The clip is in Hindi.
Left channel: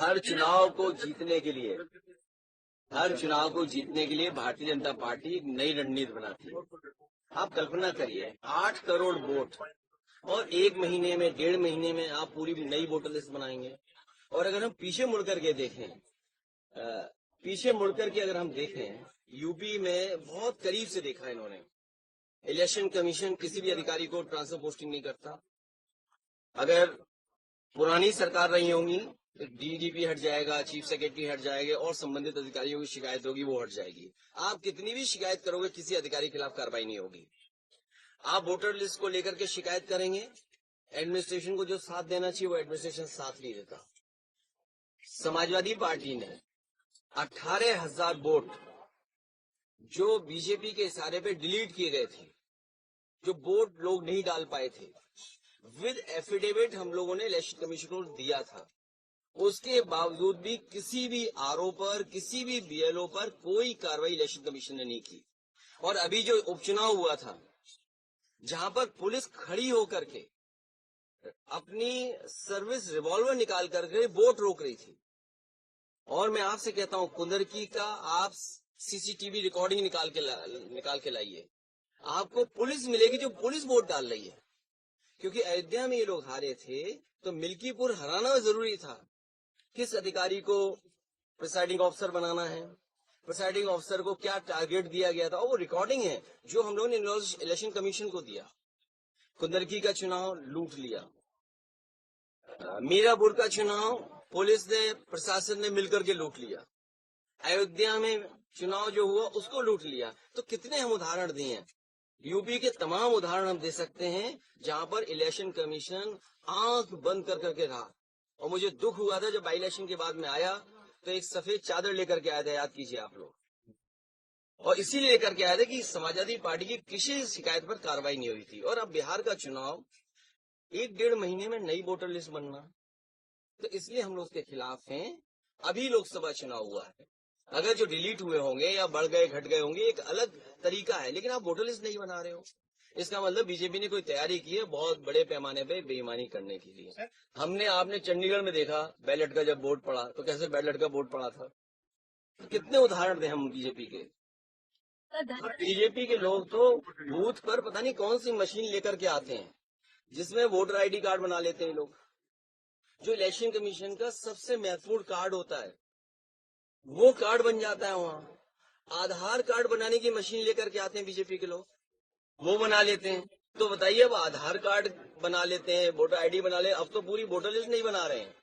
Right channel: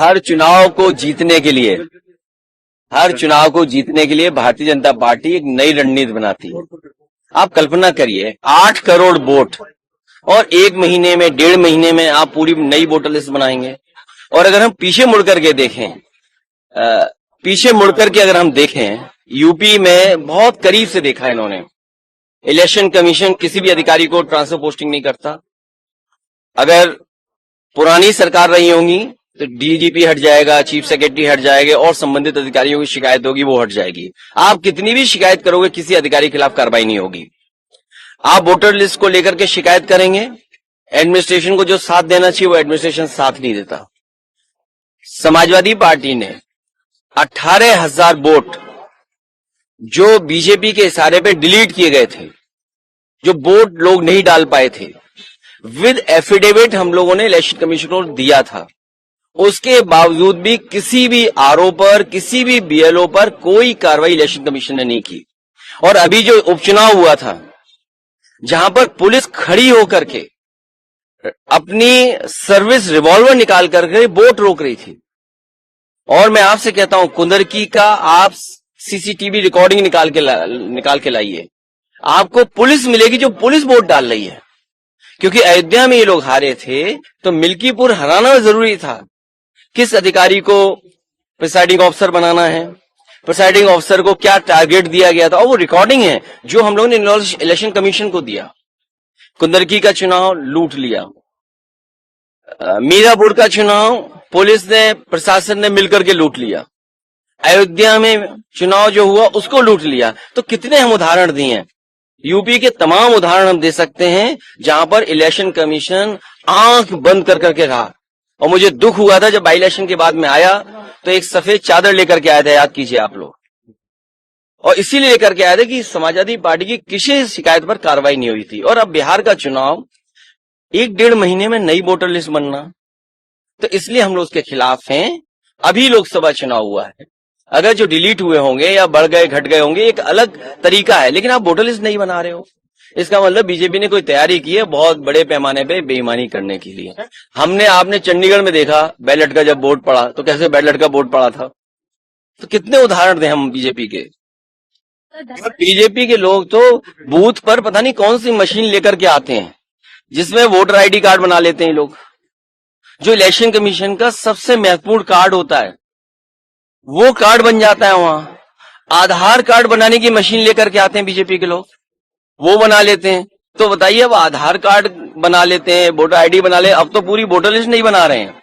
हर चुनाव को जीतने के लिए भारतीय जनता पार्टी एक नई रणनीति बनाती है। आप कल्पना करिए 8 करोड़ वोट और 1 महीने में 1.5 महीने में आप पूरी नई वोटर लिस्ट बनाएंगे। और अगर हम पीछे मुड़ करके अगर हम देखें, यूपी में बहुत करीब से देखा है इन्होंने। इलेक्शन कमीशन किसी भी अधिकारी को ट्रांसफर पोस्टिंग नहीं करता। अगर पुरानी सरकार रही होंगी तो डीजीपी हट जाएगा, चीफ सेक्रेटरी हट जाएंगे और संबंधित अधिकारियों की शिकायत होगी वो हट जाएगी। आप कितनी भी शिकायत करोगे किसी अधिकारी के खिलाफ कार्रवाई नहीं होगी। आप वोटर लिस्ट को लेकर के शिकायत करेंगे, एडमिनिस्ट्रेशन को जो साथ देना चाहिए वो एडमिनिस्ट्रेशन साथ नहीं देता। समाजवादी पार्टी ने 18,000 वोट जो बीजेपी के इशारे पे डिलीट किए गए थे, जो वोट लोग नहीं डाल पाए थे, विद एफिडेविट हम लोगों ने इलेक्शन कमीशन को दिया था। उसके बावजूद भी किसी भी आरओ पर, किसी भी बीएलओ पर कोई कार्रवाई इलेक्शन कमीशन ने नहीं की। और अभी जो उपचुनाव हुआ था, जहां पर पुलिस खड़ी होकर के अपनी सर्विस रिवॉल्वर निकाल करके वोट रोक रही थी। और मैं आपसे कहता हूं, कुंदरकी का आप सीसीटीवी रिकॉर्डिंग निकाल के लाइए, आपको पुलिस मिलेगी जो पुलिस वोट डाल रही है। क्योंकि अयोध्या में ये लोग हारे थे तो मिल्कीपुर हराना जरूरी था। किस अधिकारी को प्रिसाइडिंग ऑफिसर बनाना है, प्रिसाइडिंग ऑफिसर को क्या टारगेट दिया गया था, और वो रिकॉर्डिंग है जो हम लोगों ने इलेक्शन कमीशन को दिया। कुंदरकी का चुनाव लूट लिया, मीरापुर का चुनाव पुलिस ने, प्रशासन ने मिलकर के लूट लिया, अयोध्या में चुनाव जो हुआ उसको लूट लिया। तो कितने हम उदाहरण दिए हैं, यूपी के तमाम उदाहरण हम दे सकते हैं जहां पर इलेक्शन कमीशन आंख बंद कर करके रहा। और मुझे दुख हुआ था जब बाई इलेक्शन के बाद में आया तो एक सफेद चादर लेकर के आया था, याद कीजिए आप लोग। और इसीलिए लेकर के आया था कि समाजवादी पार्टी की किसी शिकायत पर कार्रवाई नहीं हुई थी। और अब बिहार का चुनाव 1-1.5 महीने में नई वोटर लिस्ट बनना, तो इसलिए हम लोग उसके खिलाफ हैं। अभी लोकसभा चुनाव हुआ है, अगर जो डिलीट हुए होंगे या बढ़ गए घट गए होंगे एक अलग तरीका है, लेकिन आप वोटर लिस्ट नहीं बना रहे हो। इसका मतलब बीजेपी ने कोई तैयारी की है बहुत बड़े पैमाने पे बेईमानी करने के लिए। आपने चंडीगढ़ में देखा बैलेट का जब वोट पड़ा तो कैसे बैलेट का वोट पड़ा था। तो कितने उदाहरण दें हम बीजेपी के लोग तो बूथ पर पता नहीं कौन सी मशीन लेकर के आते हैं जिसमें वोटर आईडी कार्ड बना लेते हैं लोग। जो इलेक्शन कमीशन का सबसे महत्वपूर्ण कार्ड होता है वो कार्ड बन जाता है वहां। आधार कार्ड बनाने की मशीन लेकर के आते हैं बीजेपी के लोग, वो बना लेते हैं। तो बताइए, अब आधार कार्ड बना लेते हैं, वोटर आईडी बना ले, अब तो पूरी वोटर लिस्ट नहीं बना रहे हैं।